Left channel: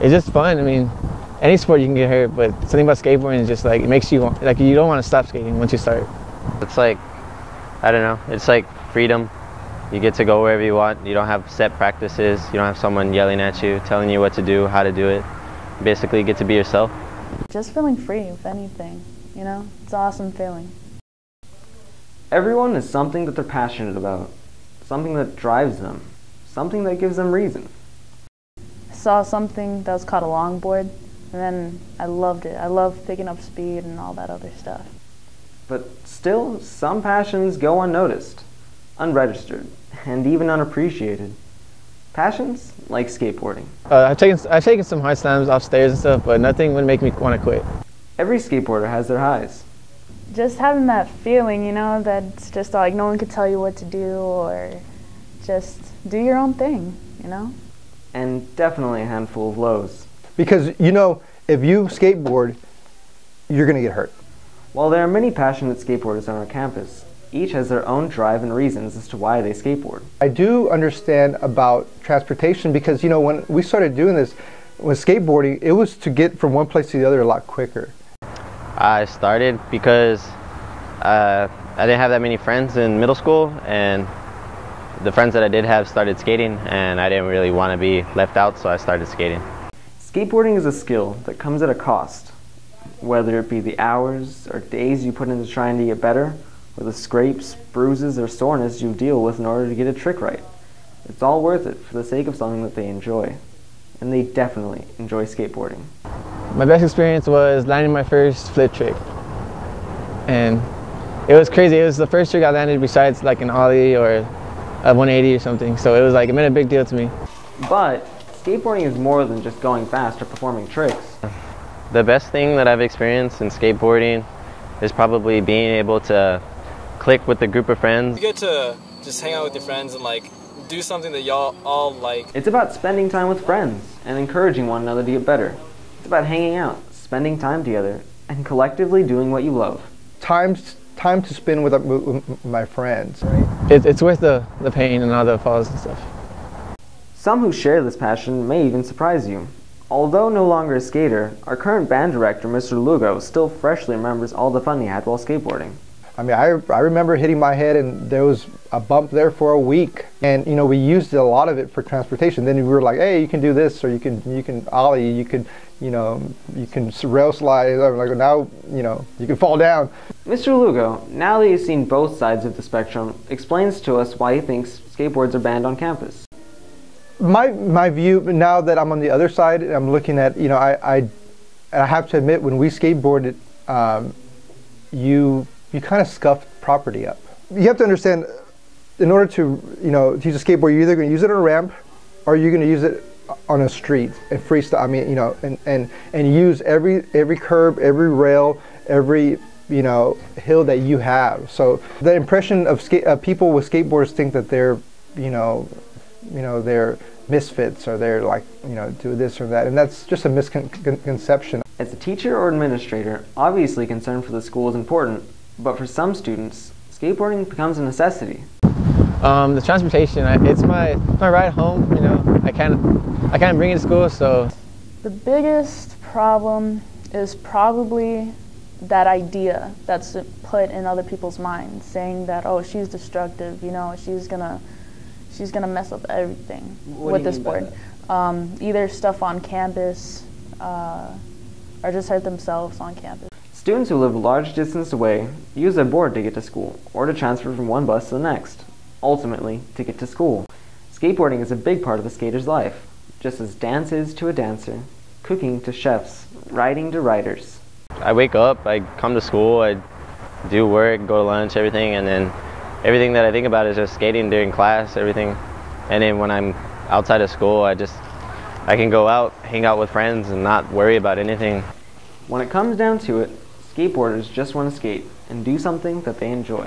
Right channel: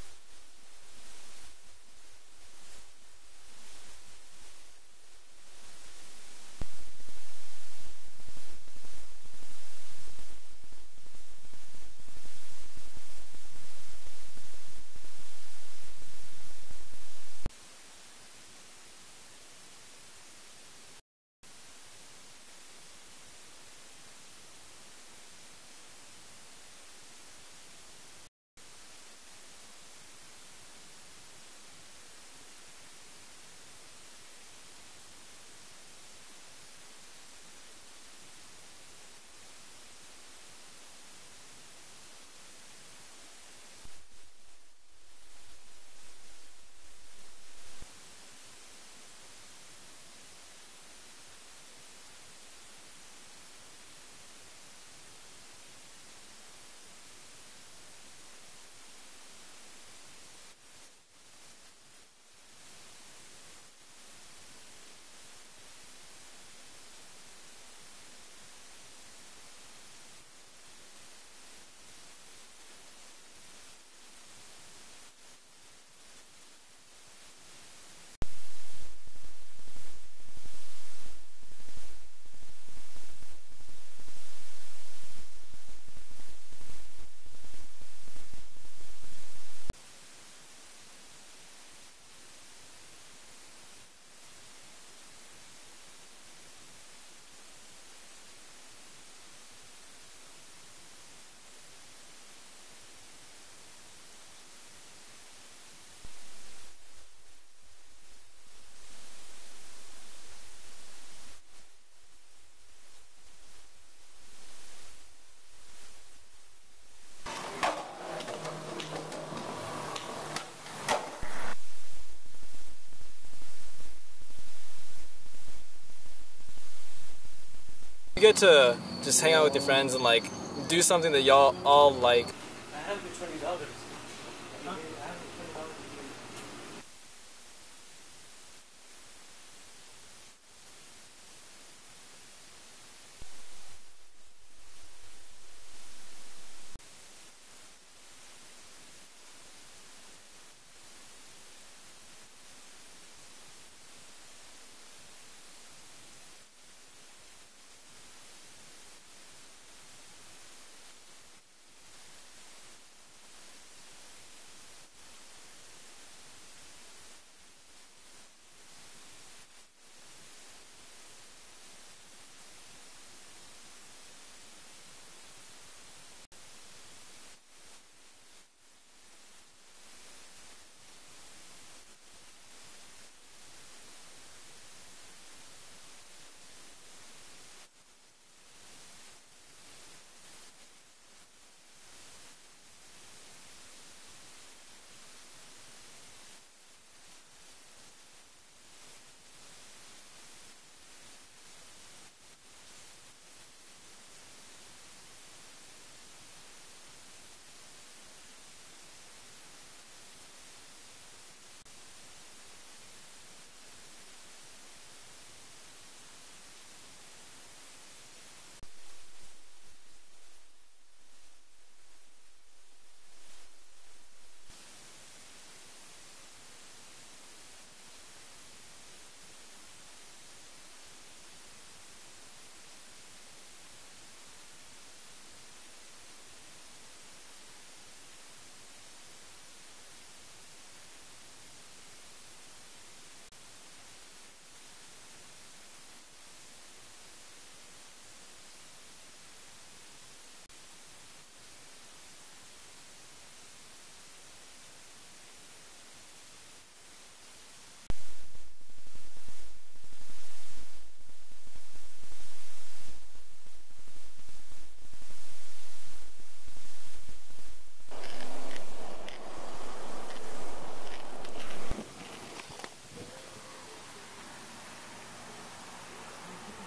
It's just fun. I mean, any sport you can get hurt, but something about skateboarding is just like, it makes you want, like, you don't want to stop skating once you start. It's like, I don't know, it's like freedom. You get to go wherever you want. You don't have set practices. You don't have someone yelling at you, telling you what to do, how to do it. You basically get to be yourself. Just feeling free, if anything, you know? It's an awesome feeling. Everyone is something that they're passionate about, something that drives them, something that gives them reason. I saw something that was called a longboard, and then I loved it. I loved picking up speed and all that other stuff. But still, some passions go unnoticed, unregistered, and even unappreciated. Passions like skateboarding. I've taken some hard slams off stairs and stuff, but nothing would make me want to quit. Every skateboarder has their highs. Just having that feeling, you know, that it's just like no one could tell you what to do, or just do your own thing, you know? And definitely a handful of lows. Because, you know, if you skateboard, you're going to get hurt. While there are many passionate skateboarders on our campus, each has their own drive and reasons as to why they skateboard. I do understand about transportation because, you know, when we started doing this, with skateboarding, it was to get from one place to the other a lot quicker. I started because I didn't have that many friends in middle school, and the friends that I did have started skating, and I didn't really want to be left out, so I started skating. Skateboarding is a skill that comes at a cost, whether it be the hours or days you put into trying to get better, or the scrapes, bruises, or soreness you deal with in order to get a trick right. It's all worth it for the sake of something that they enjoy. And they definitely enjoy skateboarding. My best experience was landing my first flip trick. And it was crazy. It was the first trick I landed besides like an ollie or a 180 or something. So it was like, it meant a big deal to me. But skateboarding is more than just going fast or performing tricks. The best thing that I've experienced in skateboarding is probably being able to click with a group of friends. You get to just hang out with your friends and like do something that y'all all like. It's about spending time with friends and encouraging one another to get better. It's about hanging out, spending time together, and collectively doing what you love. Time to spend with my friends. It's worth the pain and all the falls and stuff. Some who share this passion may even surprise you. Although no longer a skater, our current band director, Mr. Lugo, still freshly remembers all the fun he had while skateboarding. I mean, I remember hitting my head and there was a bump there for a week. And, you know, we used a lot of it for transportation. Then we were like, hey, you can do this, or you can ollie, you can, you know, you can rail slide. Like now, you know, you can fall down. Mr. Lugo, now that he's seen both sides of the spectrum, explains to us why he thinks skateboards are banned on campus. My view, now that I'm on the other side, I'm looking at, you know, I have to admit, when we skateboarded, you kind of scuffed property up. You have to understand, in order to, you know, to use a skateboard, you're either going to use it on a ramp, or you're going to use it on a street and freestyle. I mean, you know, and use every curb, every rail, every, you know, hill that you have. So the impression of people with skateboards think that they're, you know, they're misfits, or they're like, you know, do this or that, and that's just a misconception. As a teacher or administrator, obviously concern for the school is important, but for some students, skateboarding becomes a necessity. The transportation, it's my ride home, you know. I can't bring it to school, so. The biggest problem is probably that idea that's put in other people's minds, saying that, oh, she's destructive, you know, she's gonna mess up everything with this board. Either stuff on campus, or just hurt themselves on campus. Students who live a large distance away use their board to get to school, or to transfer from one bus to the next, ultimately to get to school. Skateboarding is a big part of a skater's life, just as dance is to a dancer, cooking to chefs, riding to riders. I wake up, I come to school, I do work, go to lunch, everything, and then everything that I think about is just skating during class, everything. And then when I'm outside of school, I can go out, hang out with friends, and not worry about anything. When it comes down to it, skateboarders just want to skate and do something that they enjoy.